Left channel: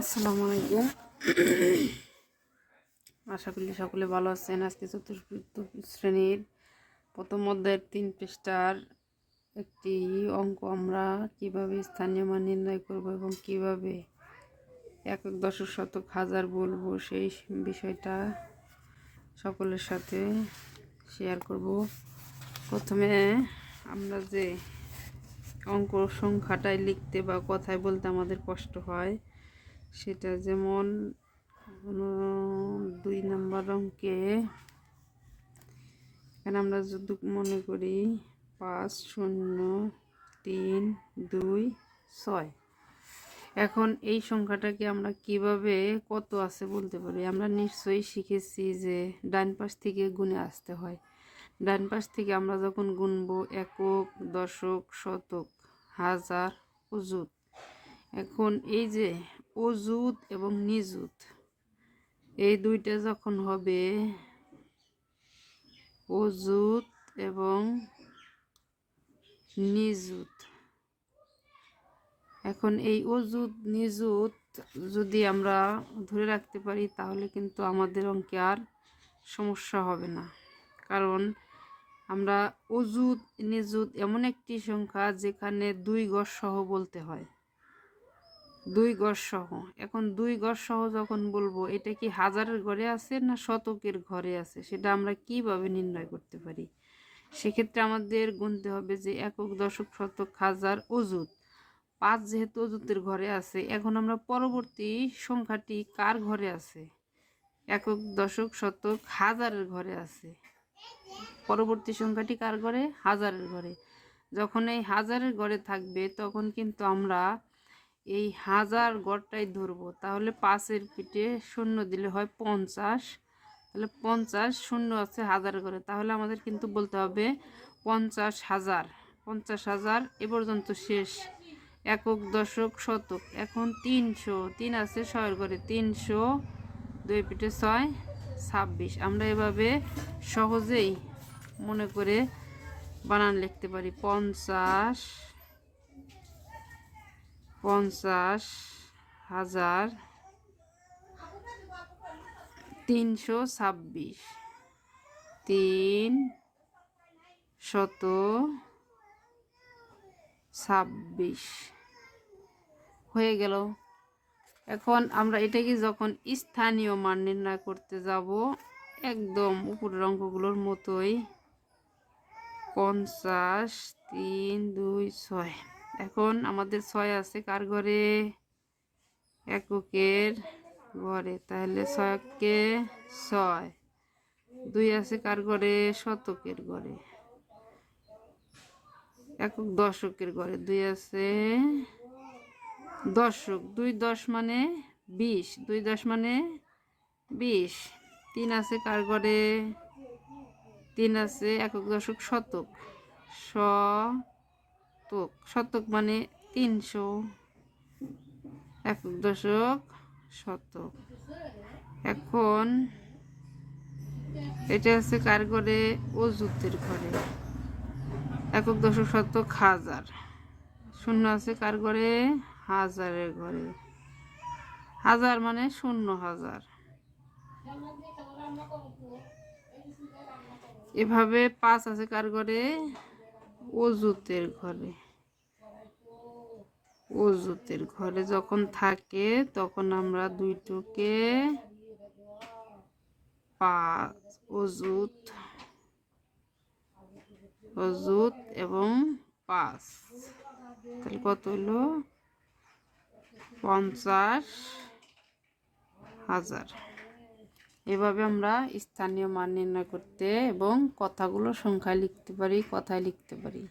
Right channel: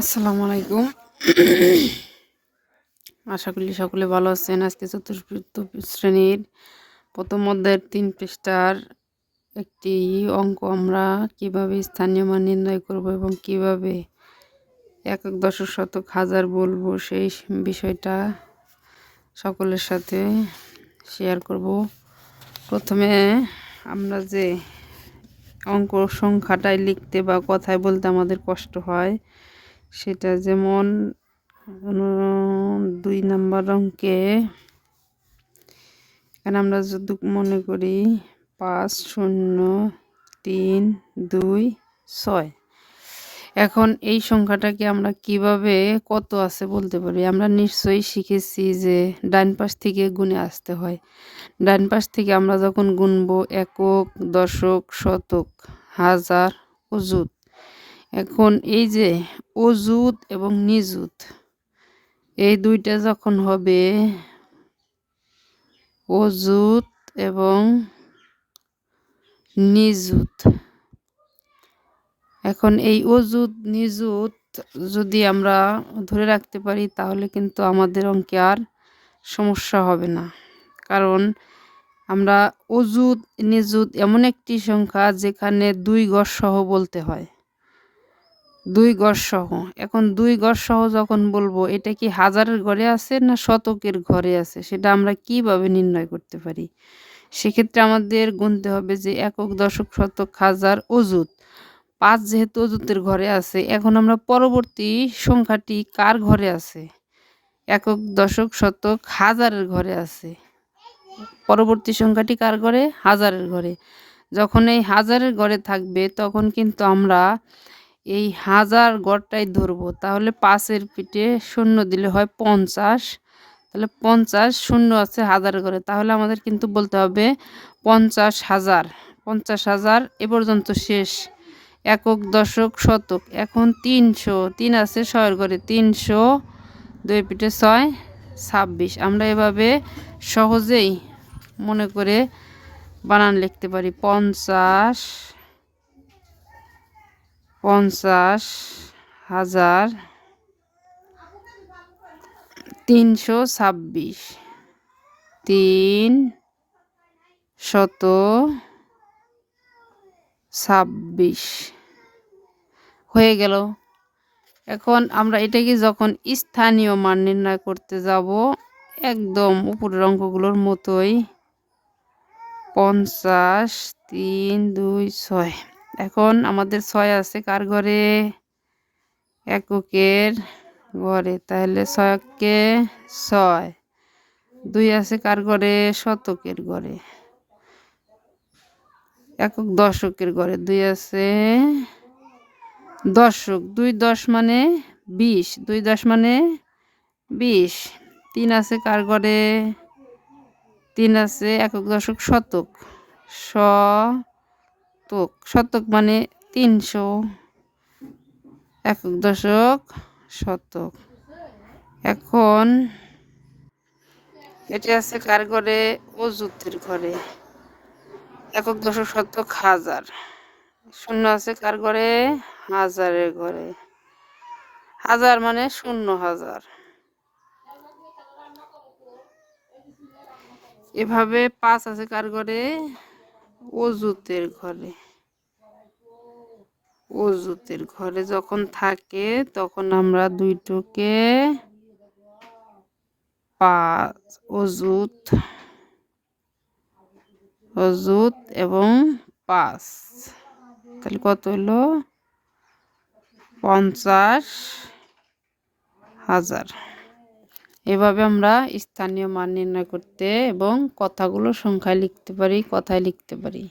আসসালামু আলাইকুম। আশা করি সকলে ভালো আছেন। আজকে চতুর্থ শ্রেণীর প্রথম অধ্যায়ের ৩ পৃষ্ঠার একটি অঙ্ক আমরা কিভাবে স্থানীয় মান নির্ণয় করব এবং কিভাবে একক দশক শতক হাজার বলবো সেই বিষয়টা সকলের সাথে শেয়ার করব। প্রথমে আমরা যে অঙ্ক সংখ্যাটাই লিখতে বা কথায় বলতে আমাদের কষ্ট হয়, সেটা যেমন ২ নম্বর অঙ্কে এখানে আমরা যদি মনে করি ৫ ০ ৩ ২ ৬। এখন এই সংখ্যাটাকে আমরা কিভাবে কত আছে বলতে পারি। আমরা নিশ্চয়ই শিখেছি যে ডান পাশ থেকে গুণে আসতে হয়। ডান পাশ থেকে আমরা যখন গুনবো একক, দশক, শতক, হাজার, অযুত। এখন এই যে অযুত এবং নিযুত, এই দুইটা যখন হবে অযুত এবং নিযুত, এখন এই অযুত নিযুত যদি আমরা ধরে রাখতে পারি তাহলে কিন্তু আমাদের অঙ্কে আর সমস্যা হবে না। কারণ আমরা অযুত নিযুত এমন একটি সংখ্যা যেখানে ২ গড় সহ বলতে হয়, ২ গড় সহ। এখন ২ গড় সহ যখন বলবো, এটা কি হাজারের ঘরে আছে না শতকের ঘরে আছে, সেটা আমরা কিভাবে নির্ণয় করতে পারি। সেক্ষেত্রে আমাদের গুনতে হবে যে একক, দশক, শতক, হাজার, অযুত। ৫ যেহেতু অযুতের ঘরে আছে, এখন আমরা পরবর্তী সংখ্যাটি কার ঘরে আছে, একক, দশক, শতক, হাজারের ঘরে আছে। পরবর্তী সংখ্যাটি কার ঘরে, হাজারের ঘরে। যখন এই হাজারের ঘরে থাকবে তখন কিন্তু আমরা এই হাজার গড়টাই ধরবো। তাহলে ৫-এর পিঠে শূন্য দিলে হয় ৫০। তাহলে ৫০ শূন্য আছে হাজারের ঘরে, তাহলে আমাদের কিন্তু বলতে হবে ৫০,০০০। ৫০,০০০ এ পর্যন্ত শেষ। একক, দশক, শতক। এখন ৩০০, ৩ আছে ৬-এর ঘরে, ৩০০ ২ পিঠে ৬ ২৬। আমরা এভাবে সহজেই মনে করে বানান লিখতে পারি। ৫০,০০০ ৩২৬, ৩২৬ হয়ে গেল। এখন আমরা এটাকে যখন স্থানীয় মান নির্ণয় করতে যাব, একদম উপরের অঙ্কগুলোর মতোই ৫০ ৩ ২ ৬। এখন আমাদের ৬ আছে কার ঘরে, এককের ঘরে, তাহলে ৬কে ৬। ২ আছে কার ঘরে, শতকের ঘরে, একক দশকের ঘরে। ২ আছে দশক, ২ ১০ মানে ২০, ২ ১০ মানে ২০। ৩ আছে কার ঘরে, ৩ আছে একক দশক শতক, শতক, শতক মানে ৩০০, একক দশক শতক। এখন এটা আছে কার ঘরে, অযুতের ঘরে, একক দশক শতক হাজার। শূন্য আছে কার ঘরে, হাজারের ঘরে, হাজার মানে ০০০০। এভাবে ৫ আছে কার ঘরে, অযুতের ঘরে। অযুতের ঘরে যখন থাকে তখন আমরা দুইটোকে ৫ অযুত, অযুত এবং ৫, তাহলে কত হলো ৫০,০০০। এভাবে আমরা স্থানীয় মান নির্ণয় করতে এবং কথাগুলো সংখ্যায় লিখতে পারি, কথায় লিখতে পারি।